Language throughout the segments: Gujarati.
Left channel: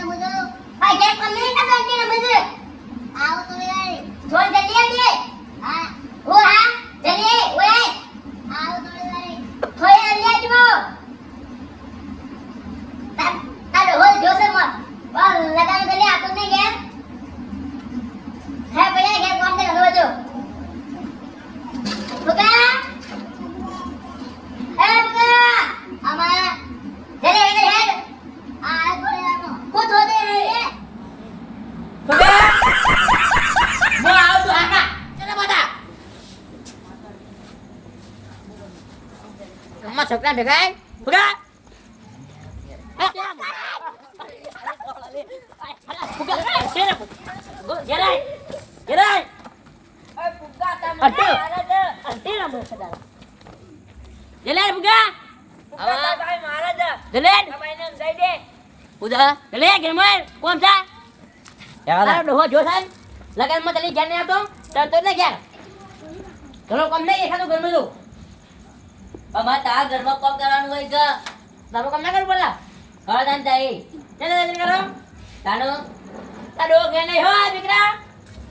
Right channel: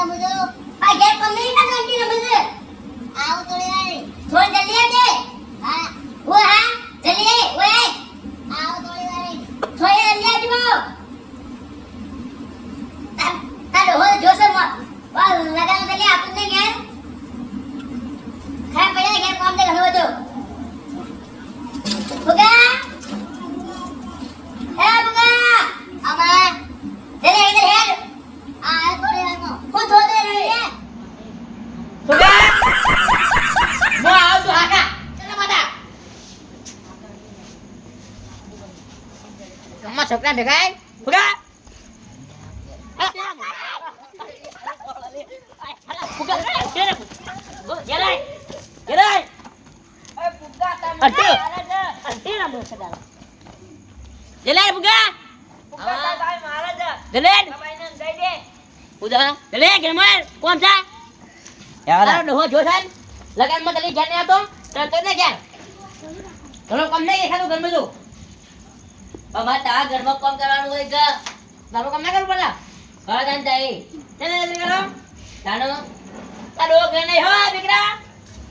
ના બધો આ ગેમ કમ્પ્લીટ ના કરતી ના બધે આવ થોડી વાર થોડ જલ્દી આવજે હા ઓ હા જલ્દી ઓય આવ થોડી વાર થોડી જલ્દી આવજો તારો હો જોસે મત બોલ લગાવ જલ્દી આપું ને ગેમ ખા પડે ગેમ કોમ દે ઘણો જો બુગા હે બુગા આમાં જલ્દી ઇધર હેડ આ થોડી વાર નો હું થોડે રહે બુગા મો આવ તો આકા ચલે માતા કમ્મા છોકરા દેખાય બુગા કામ કરવાનું હોય કે તારું કામ ના કરવું પડે હા તાન જાય ચલે જલ્દી કરો તાનો તારો ઘર નહીં હો દીકરા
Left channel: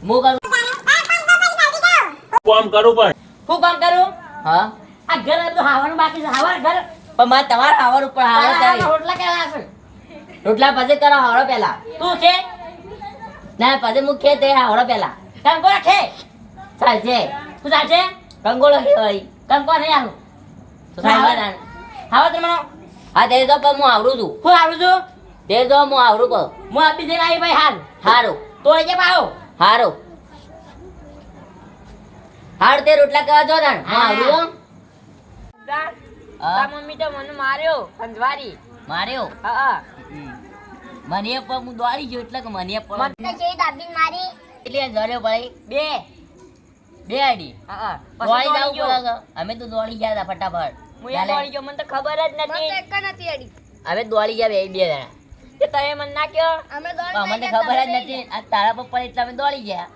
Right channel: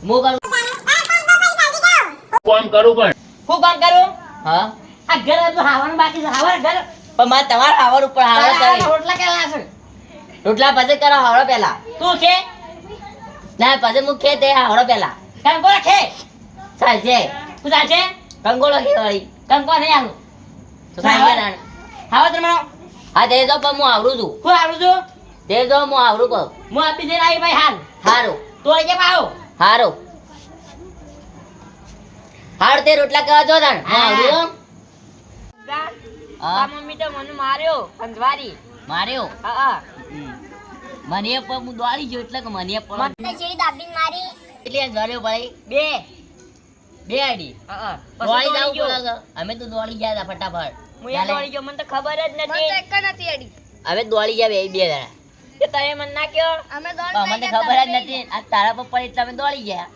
મો કરું કામ કરું પણ હું કામ કરું હા આ ઘર તો હાવાનું બાકી છે હાવર ઘર પણ મારે તમારે આવડ ઉપર આવડ તારા રોટલા કેવા છે રોટલા પછી કરો આવડો પેલા તું છે ના પછી હું ખે તે આવડો પેલા કંકોડા છે ચાલશે તું ચાલશે કંગોળો ખેવાળી કંકોડા નહીં આવું તો સાંભળ હાવર તમે હા તે તો પણ હું આવડું છું તું આવડું છું તે તો હું આવડું પણ હું આપી દે આવી ભાઈ હાલ હારું તોડી કે આવો હારું હાર તે રોટલા કેવા જો તણ હું આવડું હા મમ્મી તો મને માર્યો પંજવારી માર્યો હા મને પણ હું દોડી ગયો એટલે કે મને પણ મને છે દાબીન મારી એટલે જર્યો ભાઈ બે બે આડી હા દોડી જાવ પડે અમે તો દોડી ગયા હતા ફટાફટ હું યાર દોડી ગયો મને તો ખબર જ નથી મને એક નથી અડી હવે દોડી ગયા બે જણા કે તમે મને ના કયો અમે દોડી મને ખબર જ નથી આ તારા પર પડી એટલે અમે દોડી ગયા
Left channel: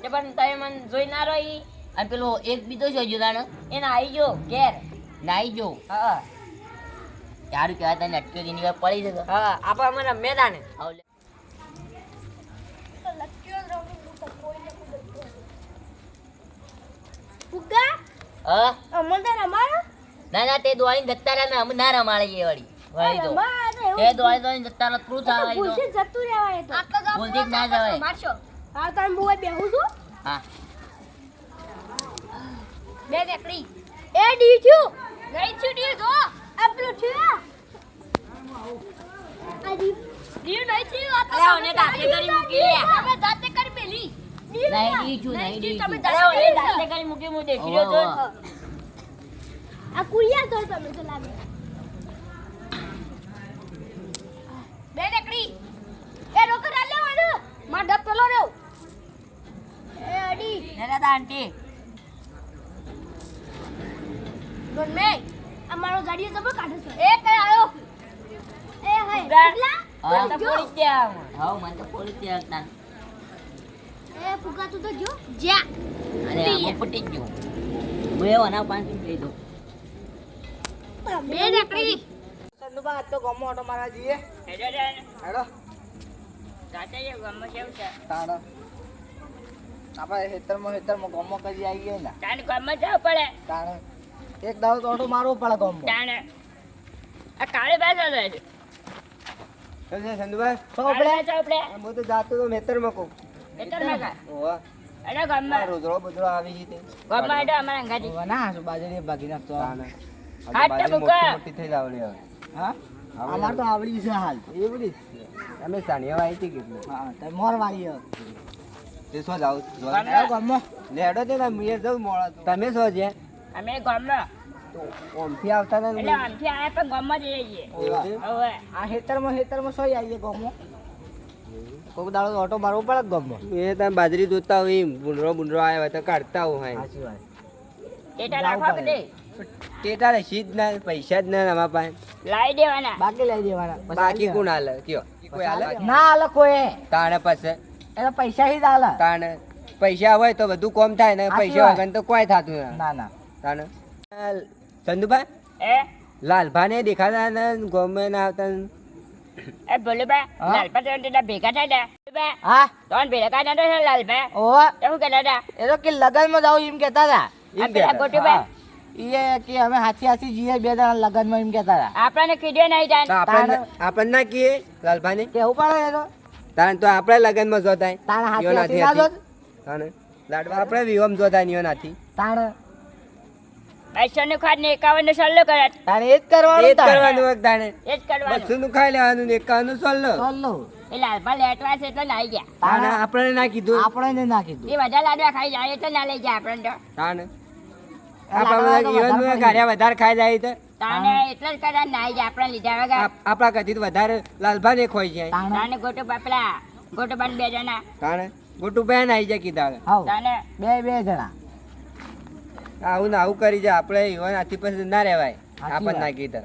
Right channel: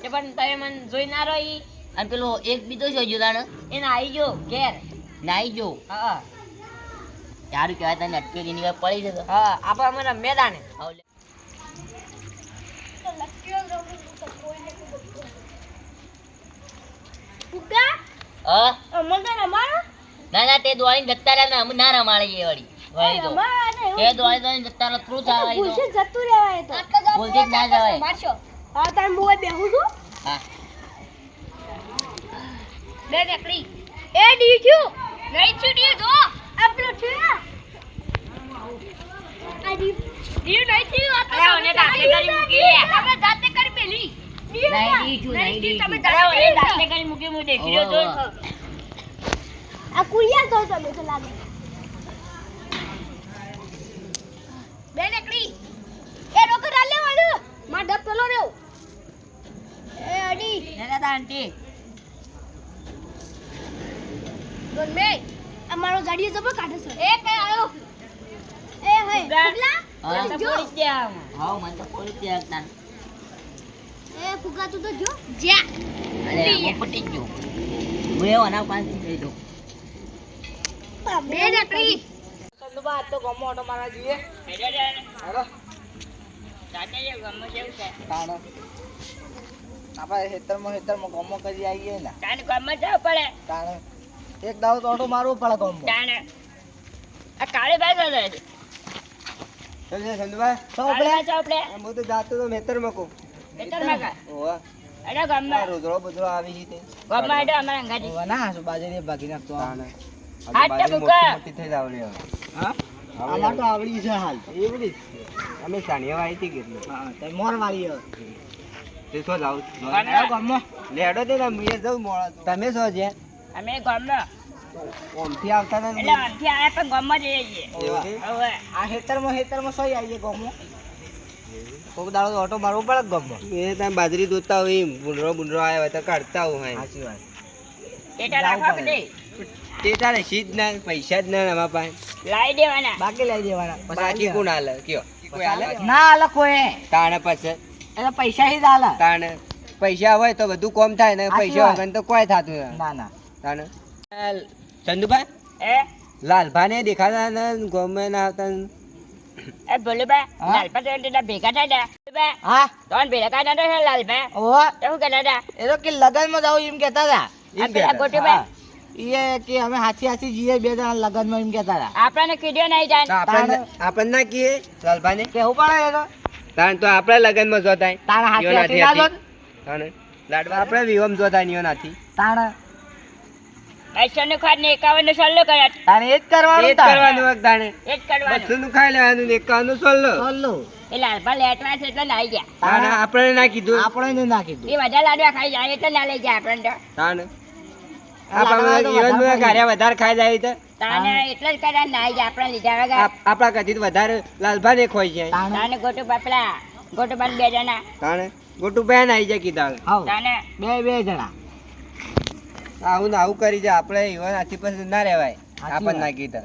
કે પણ તમે મને જોઈ ના રહી અને પેલો એક બીજો છે જોડાનો એને આવી ગયો ઘેર નાઈ જો હા સારું કહેવાય તને અટકે ની વાત પડી જતો હા આપણે મને મેદાન ફુગ્ગા હા અમને રમાડો ના ના તે દોડી જતા રહ્યા ને અમે ના રમાડીએ વળી વળી તો તે દોડી જતા રહ્યા થોડું ચાલે તો જતું રહેવાય તો ભૂલથી જ ના જવાય મારશો હા તાર મુએ બેહું છું હા બે નીકળી એ ડી છું નહીં છૂટી જો આપણો થયો આ ડી નહીં થયું આ તો ઓને દાતે કરી મૂકી રે તમે દાતે કરી પેલી નહીં ડીચું નહીં ડીચું તમે દાતે કરી મૂકી મુ દેખી રહ્યો તો આ કુયા તો તમે તો લાગે બે નીકળી એ રોક રાલે વાળો માં ડબ પેલો રેવ એ અડી નેલા દા આંટી ડોન મે અમારો ગાડીઓ જબર કાઢે છે એ કઈ આયો એ હે ફુગલા હા તો પોલીસ ત્યાં હા મને તો પોલીસ ત્યાં ના એ ફુગા તું તો જો જા અરે હું ફૂટી ગયો હું એવો ના પાંચ લઈ દઉં બે નકરી સંદુબા તો ગમો ઓટો મારા જોઈએ હેડો જાતે જે ગમો જેવું છે તાણ આપણે હેતરમાં ગોમો કરી આવીએ ને તાને ગમો જાવ પડે તાણ એક દાવ તો ઓટો મારવો પડે ગોમો તાને આ કાળે બાજુ છે સંધુભાઈ સૌ આપણે જાવ પડે હું તો જાતો તો ખેતરમાં કહું ખેતરમાં કા ઓવા એડા ગમો રોજરો બજરો આવી ગઈ તે ગમો એડા અમારા અંગાજી ઓવા ના શું બાજરી ભાગી નાખતો હાથ તો મુકા મોટી થઈ જાવડી હા અમાર તો આવડી છે હાલ એવડી અમે સાનિયા વાઈ હતી કેટલું હા તે મોર વાળી તે સો જાવ ગમો લેડો તે ના મુએ જઉં મોળા તમે સો છે અમે ગમો તો ઓમથી આવતા ને એટલે અંથી આયા તો ગમો જઈએ હવે આ હેતરમાં સોય આવીએ ગમો કોક દાડો ઓટો મારવો પડે ગમો એ તમે બાજરી દોતા હોય બુંડરો આવ્યા હોય તો કાઢતા હોય સાચી વાત ટેટા રાખવા પડે ટેટા ને સીધ ના પૈસા જ ના અમારા પાસે લાઈ દેવાના બાકી લઈ દેવાના બાકી કોણ હાલે કયો કોઈ હાલે ના હાલે કોઈ તાણે પછી એના પૈસા જ હાલે તાણે પૈસા હોય તો બધું કોમ થાય ને પૈસા વગર તો કોઈ થતું ના તાણે ચંદુભાઈ એ લાલભાને દેખાતા ને ગમે ના આવતા એ ભોલુબા લાલપા તો તેના ભેગા થાય ને ભોલુબા હા તોન ભેગા થાય ને લાલપા ઓહો એવું કહેતા હતા એ તો કે લગનમાં જાવ એમ કહેતા હતા આ પેલા ગોટુબા એ કે અમે હાથી જઈએ બે જણા લગનમાં એમ કહેતા હતા આપણને કીધું નહીં જાય આપણને ના કીએ લાલભાઈ કેવું પડે એ તો તાણ તો આપણે લગનમાં જોતાય તાણ હાથી ના જોત તાણ લાડવા આપણે વિવમ જોતા નિયો નથી તાણ 200 નું ખાદ ને 51 નું સલ્લો કરે તાણે એ જ કરવાનું વખત તાણે એ જ કરવાનું 200 નું ખાઈ લેવાનું ને 51 નું સોલ્લો એ લાલપા લેટવા છે એટલે નાઈ ગયા તાણે આપણે ના કીધું આપણે ના કીધું એ બધા લાડવા ખાઈ જાય એટલે ના લઈ ગયા આપણને તો તાણે આપણે જીવનમાં ગાર્યા વધારે ખાઈ જાય તો તાને એટલે જ કરે નાઈ ગયા આપણે લીધા વગર આપણા કદી વધારે લાલભાને ખોઈ જાય તાને ગોટુબા પેલા ગોટુબા 2 જણા તાણે ગોટુ બેન આવી જાય કીધા તાને બે જણા આવું ને આવું કરી જાય આપણે ઈવન આથી પછી ના રહેવાય આપણ ના કીધા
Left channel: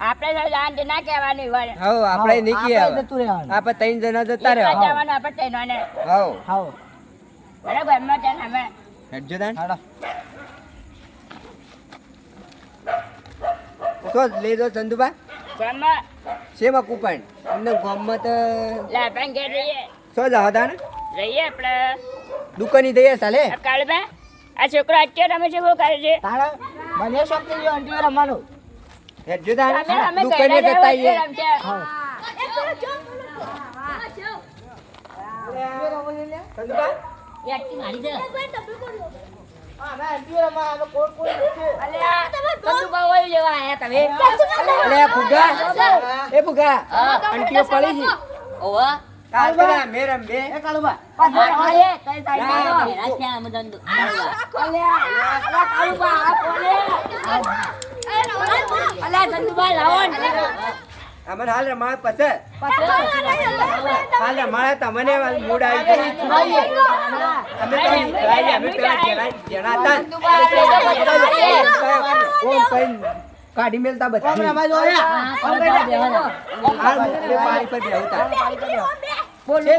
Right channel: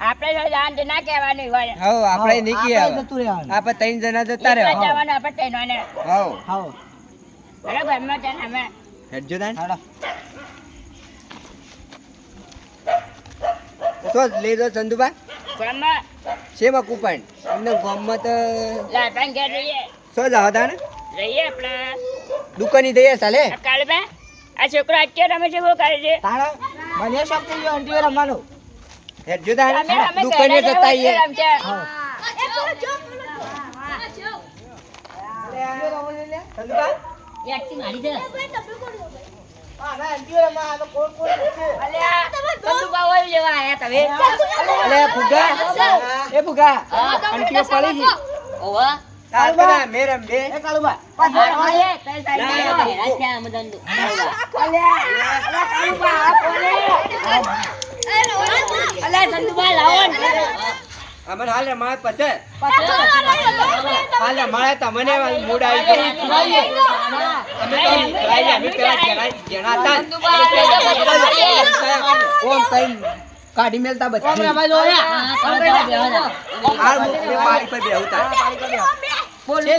આપણે તો જાણ ના કહેવાનું હોય હવ આપણે નહીં કીએ આપણે 3 જણા જતા રહેવા જવાનું આપણે તૈનવાને હવ બરાબર માં તને અમે હેડજો તાન તો લઈ દો ચંદુબા ગામમાં શેમાં કૂપન અમને ગામમાં તો લાલપા ઘેર રહીએ શું જાવ તાને રહીએ આપણે દુકાની દઈએ ચાલે કાળબા આ છોકરો અત્યારે રમે છે શું કરે છે તારા મને શોખ થઈ ગયો અંટી રમવાનો હેડજો તાન અમે દુકાને ઘરે જતા આવીએ રમશે. ચંદુબા એકટી મારી દે હા ના અંટી રમવા આ કોણ છે અલ્યા બંદૂકા ઓય લેવા આયા તમે અલે ફુગા એ ફુગા અંટીઓ પડી છે ઓવા કાલકના મેરમ બે એ કાળુબા અલ્યા તઈ સાઈડ ના માં રાખ્યા આમ દંડુ અલ્યા કાળુબા આ કોને અલ્યા બંદૂકા લાવો ને અમન હાલ રમાય પછે પાછો હાલ રમાય તમને મૂડ આવી ગયો અમે તો અમે પેલા જણા હતા ઓમ કઈ કાઢી મેલતા બધી ઓમ રમાય જો પાણી પર બેહુતા બોલ એ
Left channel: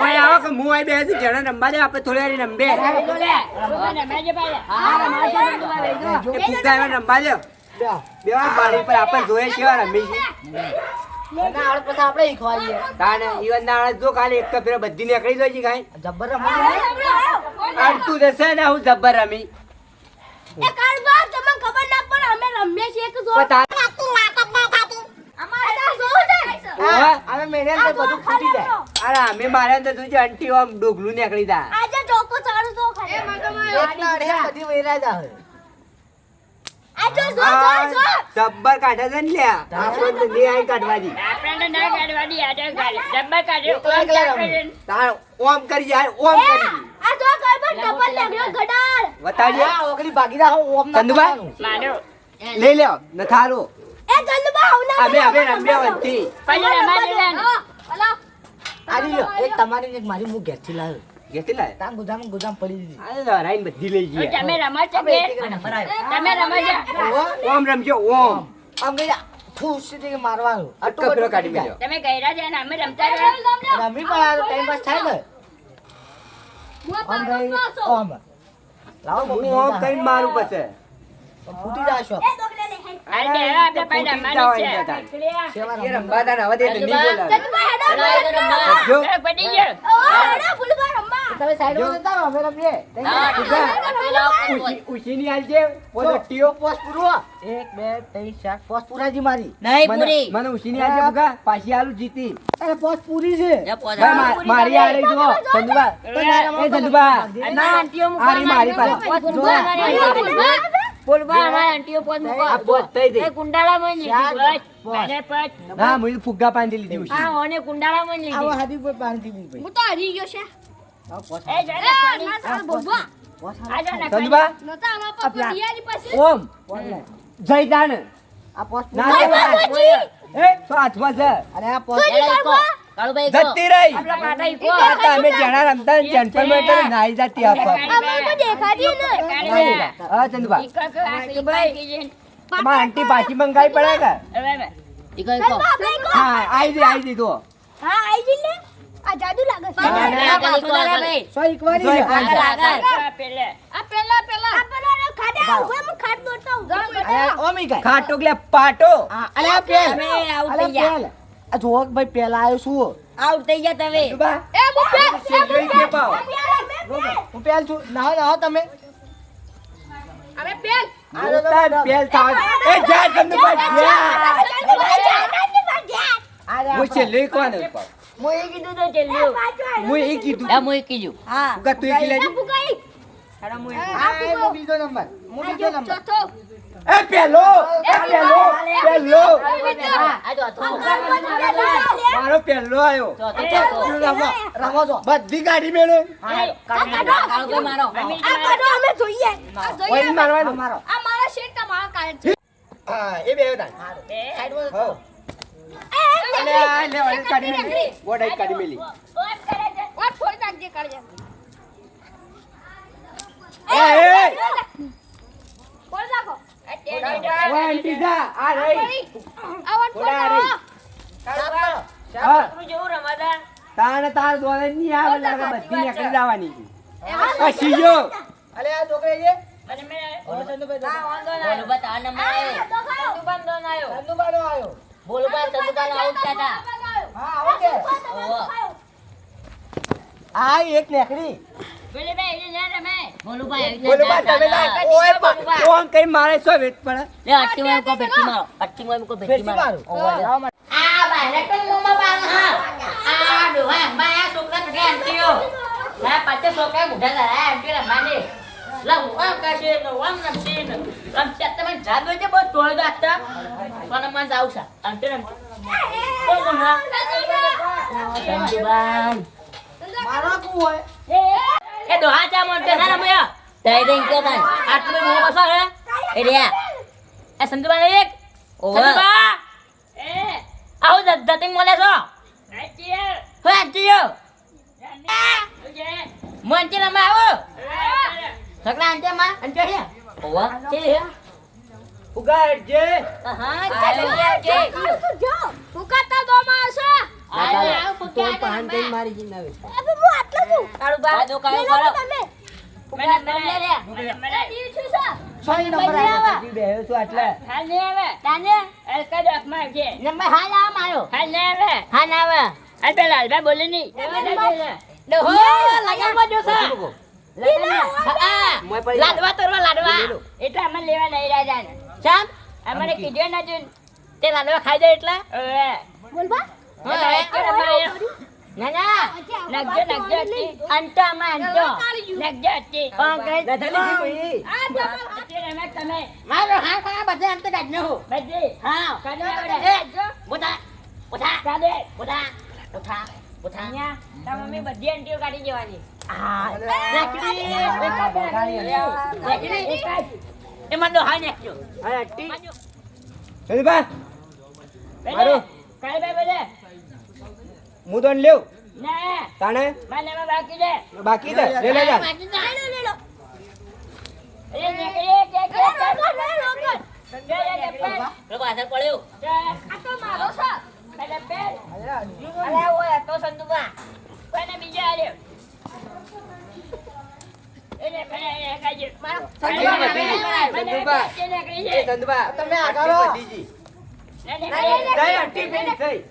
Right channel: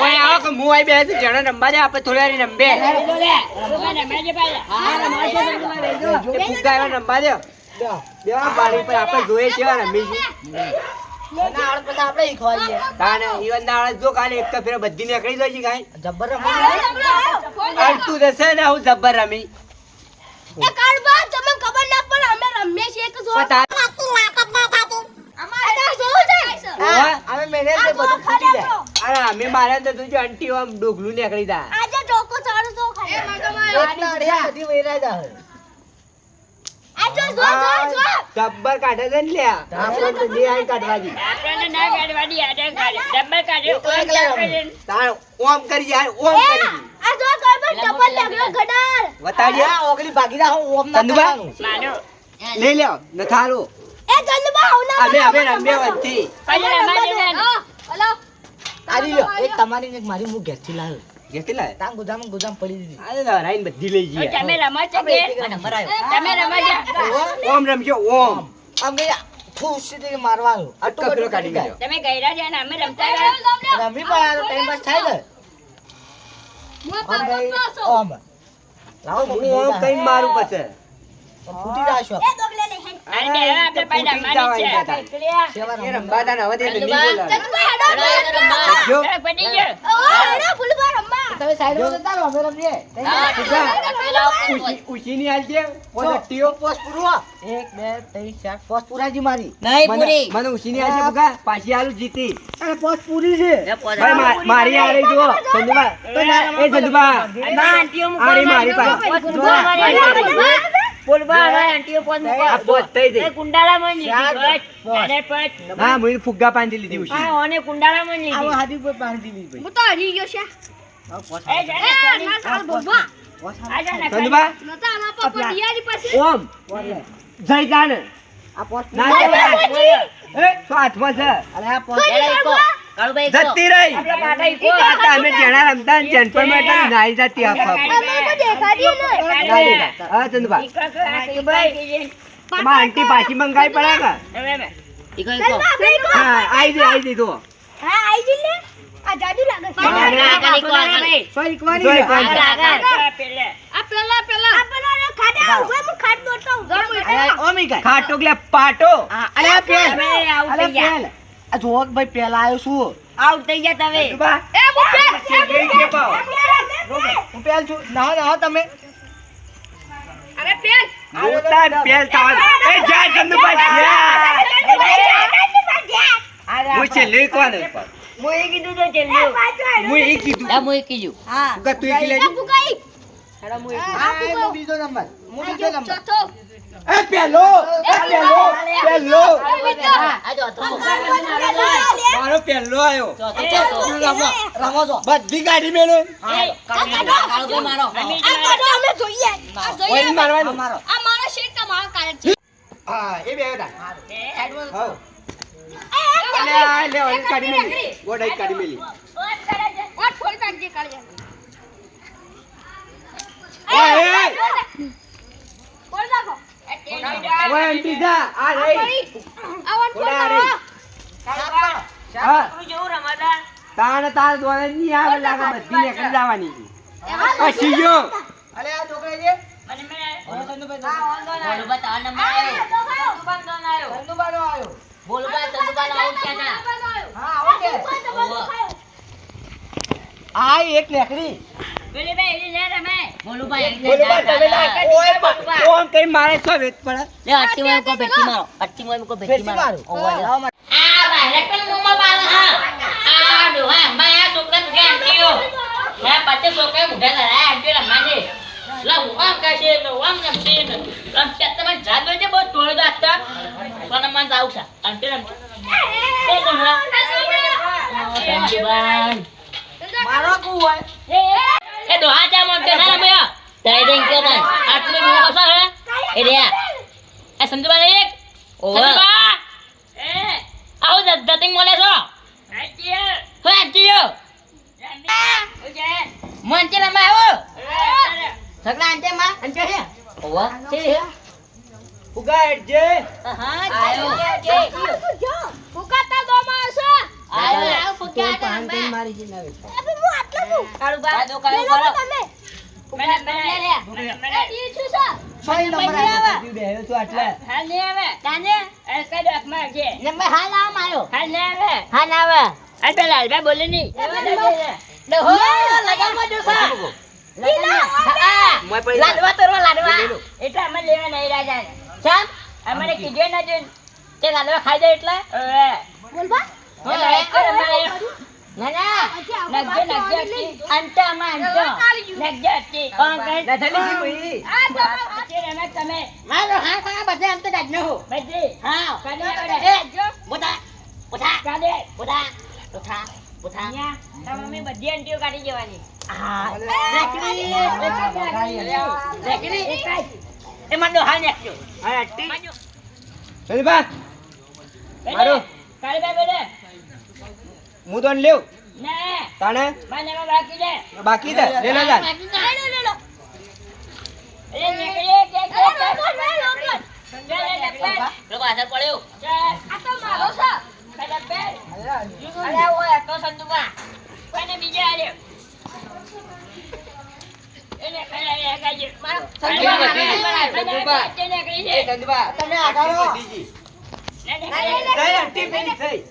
ઓય આવો કે હું આઈ બેસી જણા રમવા જાય આપણે થોડી વારી રમબે એ ફુગા એવા રમવા દે બેવા પાણી પર આપણે જોઈએ છે રમી છે ના આવડ પછી આપણે ઈખવાઈએ તાને ઈવન દાળ જો કાલે એક ફેર બધી નીકળી જાય છે કાઈ જબ્બર રમી અડતું દેસે ને હું જબ્બર રમી એ કાળબા તમને ખબર ના પડે અમે રમીએ છીએ કે જો પતા અમારે તો શું છે અમે મેને તે બધું ફૂટી જાય અરે અમે મારા તો જોજો આંટી આમ ડોગલું નીકળી જાય આજે ટોકો ચાડું તો ખાય બધી વેરા જાય આજે જો જબ્બર કાઢે છે ને લ્યા આપણે તો ની આઈ કાઢવાજી આપણને ના ગાડવાડી આડે ગાડી ડબ્બા કાઢ્યો તાણ ઓમ કરી જાય ઓમ કરી આ જો કાળબા ટપલ લાગ્યો ગડાર બતાડીએ ઓગલી ભાગી જા ઓમ ના ચંદુબા માનો લઈ લ્યો નથારો એ જલ્દબા આવના અમે રમ્યા વચ્ચે પછી રમાડે હલો આલી લ્યો એક તમારી એક મારી મું ઘેરથી લાવ્યો ઘેરથી લાવ્યો તાં ગુજામ પડી દીધી અરે લરાઈને બધી લઈ ગઈ તમે રમો છો કે તમે રમો છો ઓમ રમજો ઓમ આમ ગયા ખુશ થી મારવાનું અટકો પેલો કાઢી ગયો તમે ગયરા છે ને અમે રમતા ગયા રમી પણ આ ટાઈમ પાસ થાય ને ઓમ ભાઈ ઓમ લાવો હું ઓમ કઈ મારું પછી ફૂટી જાશો અરે આપણે પાડા મારી છે રંબાદા નવા દે નહીં બોલાવે જલ્દબા હેડો જો પડી ગયો હેડો ફૂલબા રમ્મા તમે સાઈડ માં જતા રહો અમે રમીએ ઉશીની આલ છે પોસ્ટીઓ પોસ્ટ પૂરો 1 2 3 4 પોસ્ટ પૂરાજી મારી નહીં પૂરી મને ઉશીની આલ છે બુકા પાછી આલુ જીતી અરે પોસ્ટ પૂરી છે એ પોઝ ભાઈ મારી આ રહી જો સંજુબા એ સંજુબા ના આંટીઓ આરી મારી પાસે બોલવા હવે આંટીઓ પોત મૂકો આ પોસ્ટ થઈ એ ગઈ કુંડાળા માં લીધી મને પત હા મને ફુગ્ગા પાંધી લીધી ઉશી આ ઓને કુંડાળા માં લીધી હાદી પર પાંધી લીધી હું તો હરી ગયો છે એ જાને પાણી ચાલ બોલબા આ જાને સંજુબા નતા આમાં પર પિયારી પાસે ઓમ જય જાન આ પોસ્ટ ના એ તો હાથમાં છે અરે આ પોસ્ટ કાળુભાઈ જતી રહી આપલા પાટા ઈકો આ તો અમે જેણા રમતા ને જનપર મેટર નાઈ જતી આપા અમે તો દેખાડી નહીં હા ચંદુબા ઈકો તો આ કે ભાઈ તમાર આંટી પાછી મંગાઈ પડે કે હવે ઈકો આપણે કો હા આઈ દી તો હા આઈ જલે આ જાદુ લાગે છે આગળ ઈકો આગળ સો ઈકવાની છે પેલે આ પેલા આપણે ખાટો એટલે પાટો અરે આ પેલ તમે આઉટ અરે થઈ ગયા પેલ આ જો ભાઈ પેલા આવ્યો છું આઉટ થઈ ગયા તમે બા કે પાવ હું પેલ છું ના તમે મોટા પેલ થાવ એ જા ચંદુભાઈ જા હું છેલ્લે કોણ પાવ હું એ કીધું તો ચેલ્યું હું એ કીધું લા હું એ કીધું હા ઉગા તું એક લેજો હું બીજો નંબર એ પેલો પેલો આ જો તો મારો પેલો આવ્યો રમો છો બધી ગાડી મેલો કાળુભાઈ મારો ઓય મારવાનું મારો હા એ બે હતા હા અલે આ લે ઓય ગાડી મેલી ગોડાઈ ગાડી મેલી એ ઓય આંટી જા આ રહી થોડા રહી હા તાને તાર દોરે ની આવે લાગે બધી નીકળી જવાની પછી જો અલે આ છોકરા છે બોલુબા તાર નંબર આવ્યો ચંદુબાનો આવ્યો બોલુબા ચંદુબાનો આઉટ ક્યાં હા ઓકે હતા આ એક નેકડી બોલુબા બોલુબા તમે ઓય કોણ કઈ મારે સો વેત પડે લે અટ્ટી માં કો બેટી મારો અટ્ટી માં કો બેટી બેટી મારો મારું આ બારે પણ મોમાં બાલ હા આ ડોહા માયા છોકરા કે આંટીઓ હે પાછે છોકરા મુઢા લડાય આંટીઓ રમાને લા આમ કાશે નો આમ નમતી ન આમ ચત્ત માં જાદો છે બહુ તોડ દાતા કોણ માં જાવ છે આંટી રમ કોણ હા સંજીવાન મારો કો હોય એ ડોહા ચા મોટે ના રમ્યા તઈ દેન કે તાન આટલું મોં કસો હે એ રે એ સંજીવાન એક સંજીવાન આવો દતિંગ મોલે છો હો આંટીઓ મોંચે રમે આવો સગડા અંતે માં અંતે હે ઓવા તે હે ઉગા જે હા આયો આયો ફુકા મારી જી નવે કાળુબા દો કાળો સોય નંબર આવ્યો બેહ્યો છું આટલા નંબર હાલ આમ આયો હાલ આવે ડોહો લગાવો ડોસા મોય પડી લાડવા તરવા લાડવા ચામ અમારે કીધું ના જોન તે લાડવા ખાઈ જાય એટલે બોલબા ના ના નગજે અંતા માં અંતો નગજે કોણ કહે નથલી જી તમે મારો હા હા બધે અંત કાઢ ન હો બધે હા કાઢે એ જો બોટા બોટા કાઢે બોટા બોટા બોટા તા મમ્મી બધી અંટીઓ કાઢી જવાની હા રેકડી એ મંડો હા નેક્યો હા ટી ચલ બા મારો કાઢે બેલે હું તો લેવ ના તાણે મને બાકી દે બાકી દે લે લે જા એ નેકડી કે લોકો આધાર પડ્યો આ તો મારો છે પેલે પે અરે ઓય તો સંદુબા કોને બીજા આલ્યો એને ખાય ખાય મારો સંદુબા એ સંદુબા તમે આગળ દીજી જય આંટી પેલી થઈ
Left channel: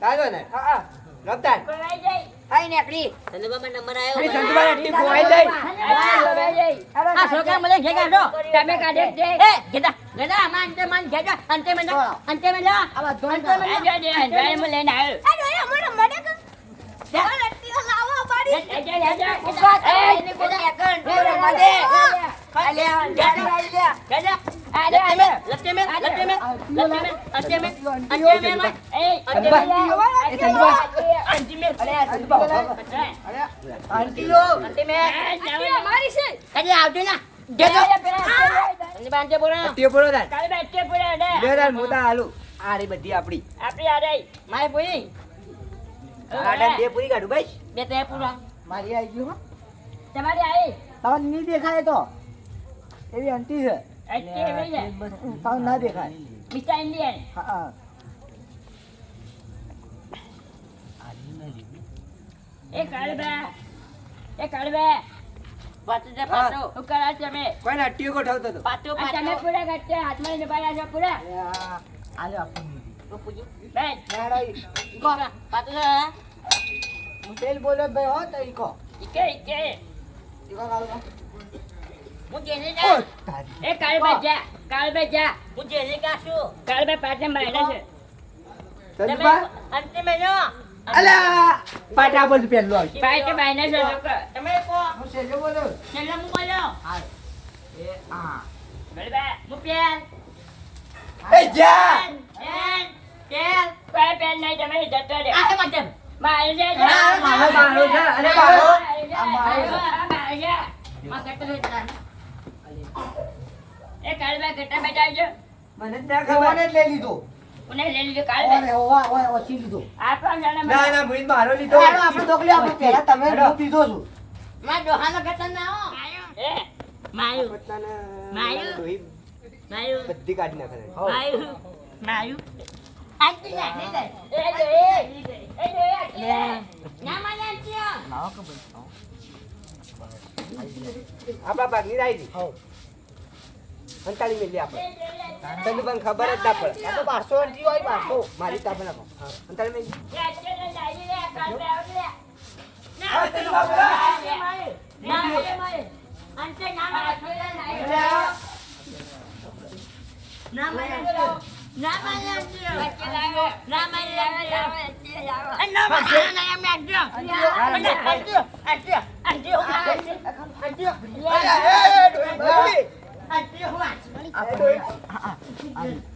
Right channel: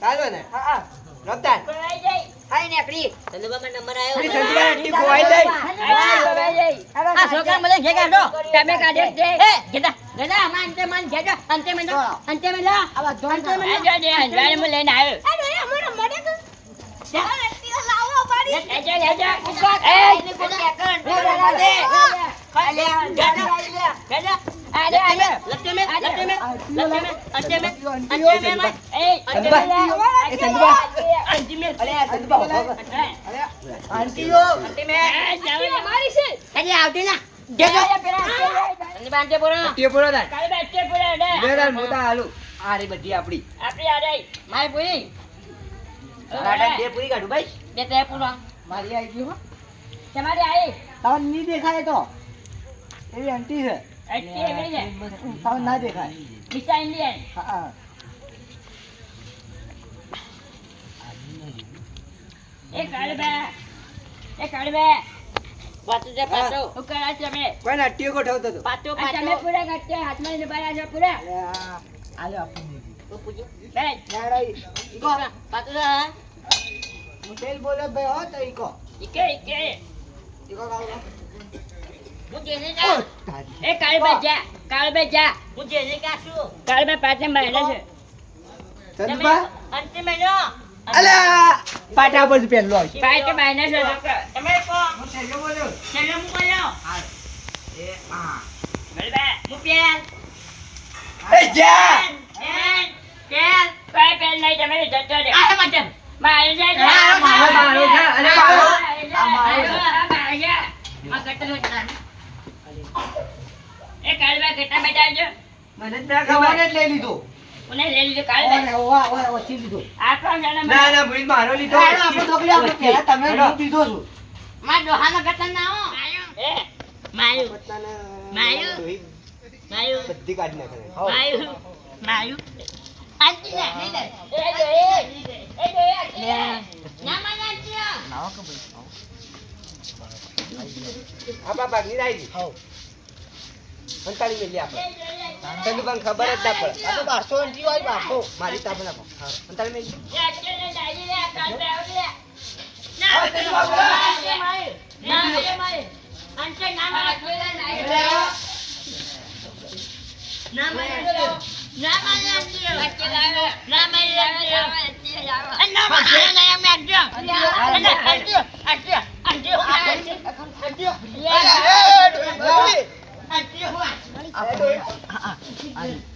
તાજો ને હા રમતાન હાય નેકડી સંદુબા નંબર આવ્યો પેલી સંદુબા આંટી ખોવાઈ જાય આ છોકરા મને ઘે કાઢો તમે કાઢો કે એ ગેડા ગેડા માન ઘેડા અંતે મે આ બધો અંજાને મે લઈને આવ્યો આંટીઓ ટીઓ પડો તાન લે તાન મોટા હાલું આ રે બધી આપડી મારે પૂરી આડા દે પૂરી કાઢું ભાઈ બે તે પૂરા મારી આવી ગયું હો તમારી આવી તમને નહીં દેખાય તો એવી આંટી છે અટકી એવી છે તમને ના દેખાય મિસ્ટર ઇન્ડિયન હા એ કાળબા પાછું જા પાછું હું કરા તમે કોઈ નટ્ટીઓ ગોઠવતો હતો પાછું આ તમે પાછું પૂરા કરતે હાથમાં લઈને બાયા છો પૂરા આલે આપણને તું પૂછ્યું બેસ ઈકો પાછું જા હું તેલ બોલ્યો ભાઈ હો તો ઈકો ઈકે ઈકે ઈકો કાઢો હું જેને જા એ કાળબા જા હું જેને કાશું કાળબા પાછળ બાયલા છે ચંદુબા અંતિમ મહિનો અલ્યા પાટા પર પહેલો આવશે પાછળ બાયલા છે છોકરા તમે કો હું તેલ બોલ્યો છેલ્લે હું બોલ્યો એ આ બરાબર હું પેન એ જા પેન પાય પેન નહીં તમે જતો રે આ મતલબ મારે છે મારો છે અરે મારો આ મારો છે માં કટલો જ એ કાળબા કેટલા બેઠા છો મને જ ના ખબર જ લઈ લીધો કોને લઈ લીધું કાળબા ઓય ઓછી લીધો આપણો જાણે ના ના મુઈન મારો લીધો આપણે ઢોકલી આપણે પહેલા તમે હું પીધો છું માં દોહાનો કટન ના હો એ માયુ પત્તાને માયું. માયુ બધી કાઢી નાખે માયુ માયુ આંટી ના નહીં દે ના માં આંટી આપણા ભાગની રાઈ ગઈ અંતાળી મેલી આપણે તને પણ ખબર જ ના પડે આ તો 1200 અંટી હોય 1200 મારી તાપ ના અંતાળી મેલી Aduh,